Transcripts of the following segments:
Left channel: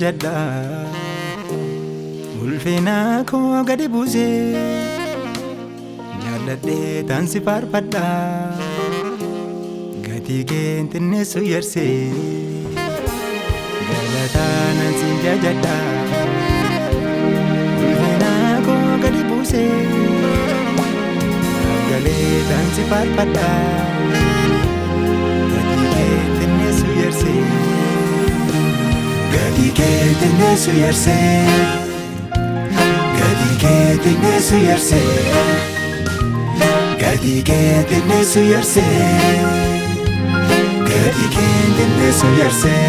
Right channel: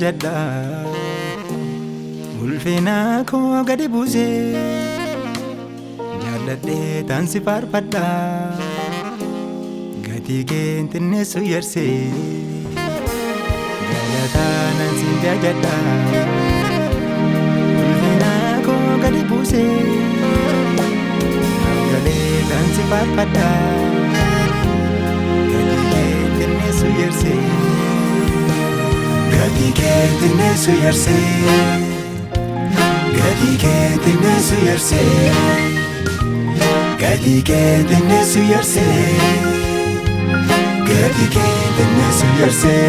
jajadha ulfina koo gadi buusee jaalladhee taansi faarfadha gatii kee xinneessu yarsee galataa nan siin jajadha ulfina koo gadi buusee galee taansi faarfadha gatii kee xinneessu yarsee gatii kee xinneessu yarsee gatii kee xinneessu yarsee gatii kee xinneessu yarsee gatii kee xinneessu yarsee.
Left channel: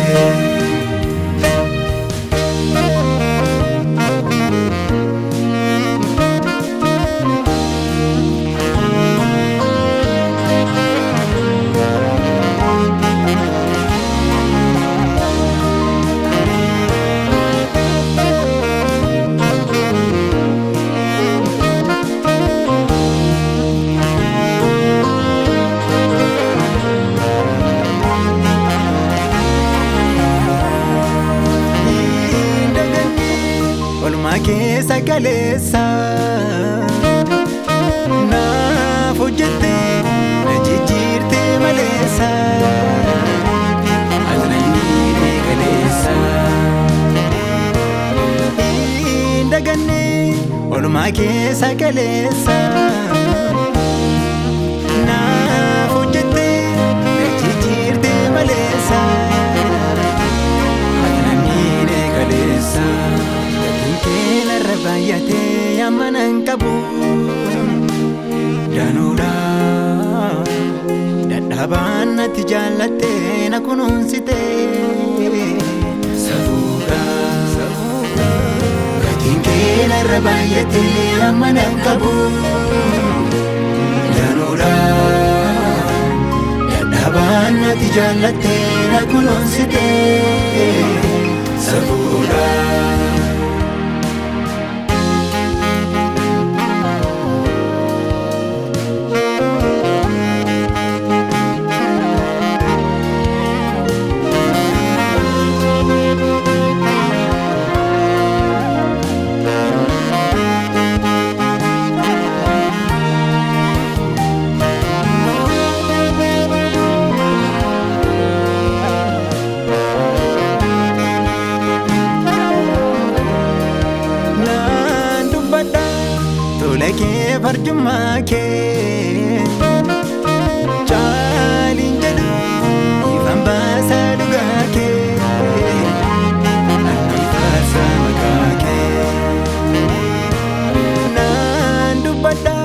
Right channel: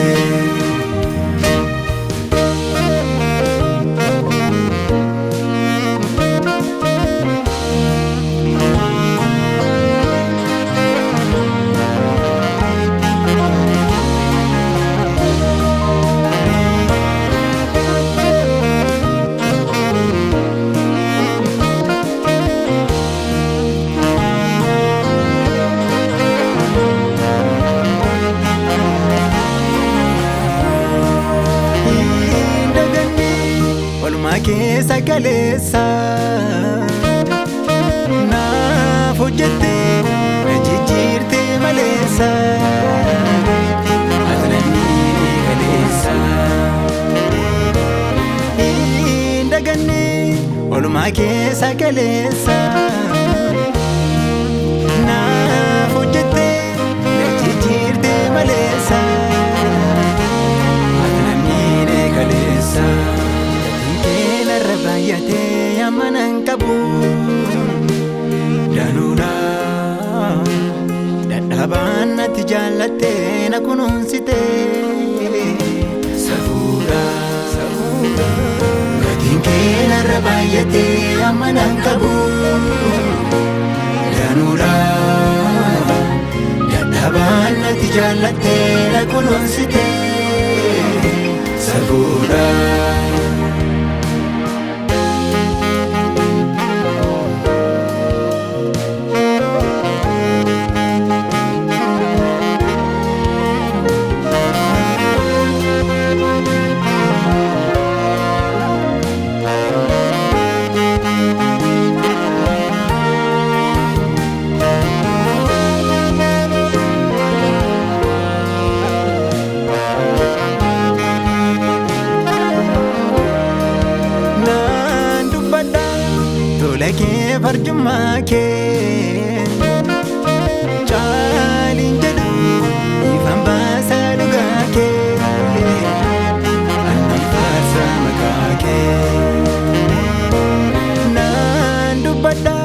Olmaa keessa galeessa naaf hojjettee na jijjiirtee maleessa atananii galeessa hin daganne olmaa keessa galeessa naaf hojjettee na jijjiirtee maleessa atananii galeessa. Kena rabayate amanan kabu danuda dadhaban ati jaalate na kunuunsite safuudha gatiin kena rabayate amanan kabu danuda dadhaban ati jaalate na kunuunsite safuudha. Tolekee farjummaa kee caaliin jedhu ifaan baasaa dhugaa kee annan faarsa maqaa kee naan dubbadha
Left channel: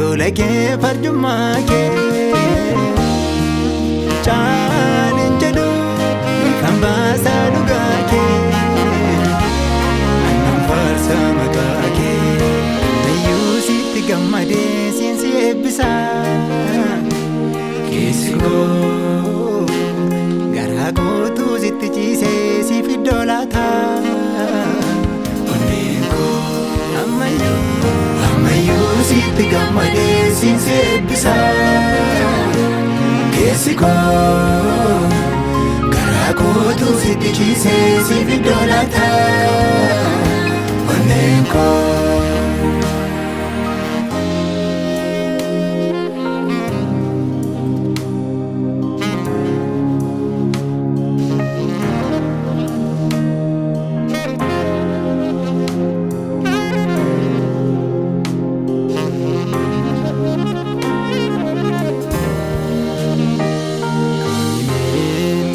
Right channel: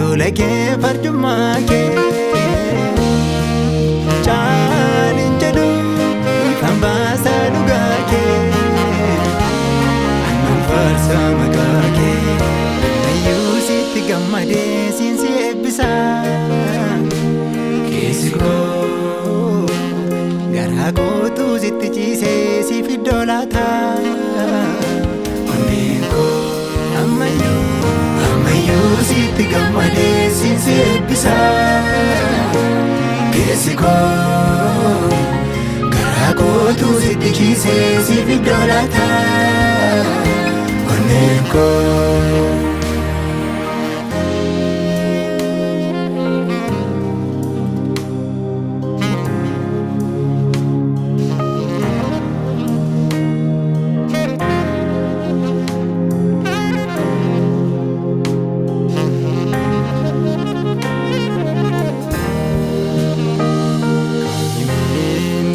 tolekee farjummaa kee caaliin jedhu ifaan baasaa dhugaa kee annan faarsa maqaa kee. Sitti gammadee siinsi eebbisa keessi koo garaa kootu sitti ciisee siif iddoo laata onneen koo ammayyuu sitti gammadee siinsi eebbisa keessi koo garaa kootu sitti ciisee siif iddoo laata onneen koo.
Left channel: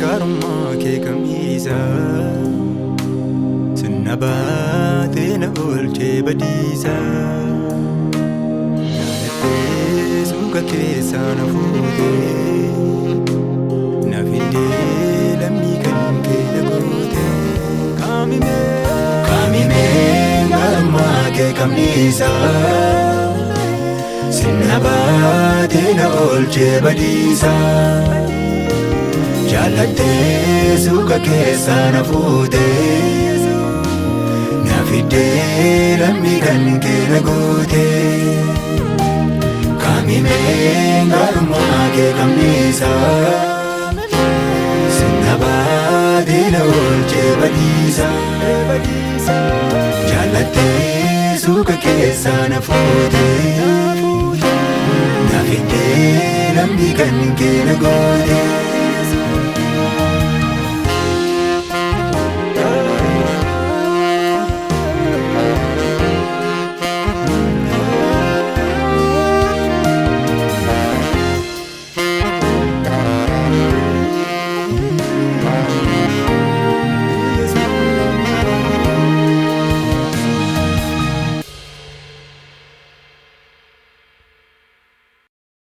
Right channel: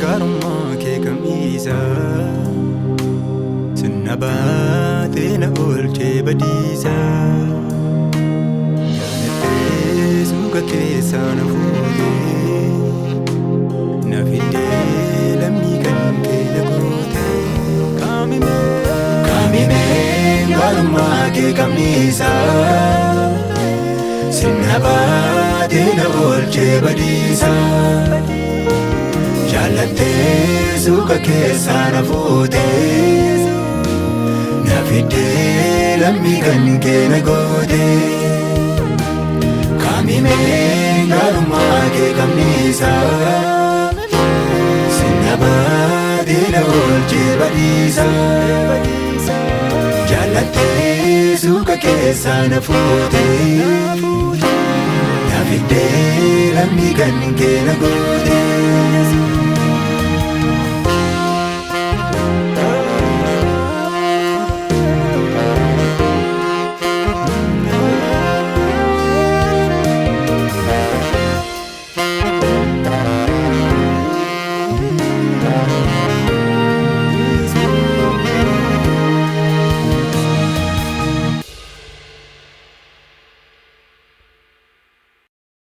Garummaa kee kamiisa sinna baatee na oolchee badiisa jaalattee suuqa keessaa na fuutee na fidee lammii kan kee na gootee kaamimee garummaa kee kamiisa sinna baatee na oolchee badiisa. Jaalattee suuqa keessaa na fuutee na fidee lammii kan kee na gootee kaamimee garummaa kee kamiisa sinna baatee na oolchee badiisa. Jaallattee suuqa keessaa na fuutee na fidee lammii kan kee na gootee.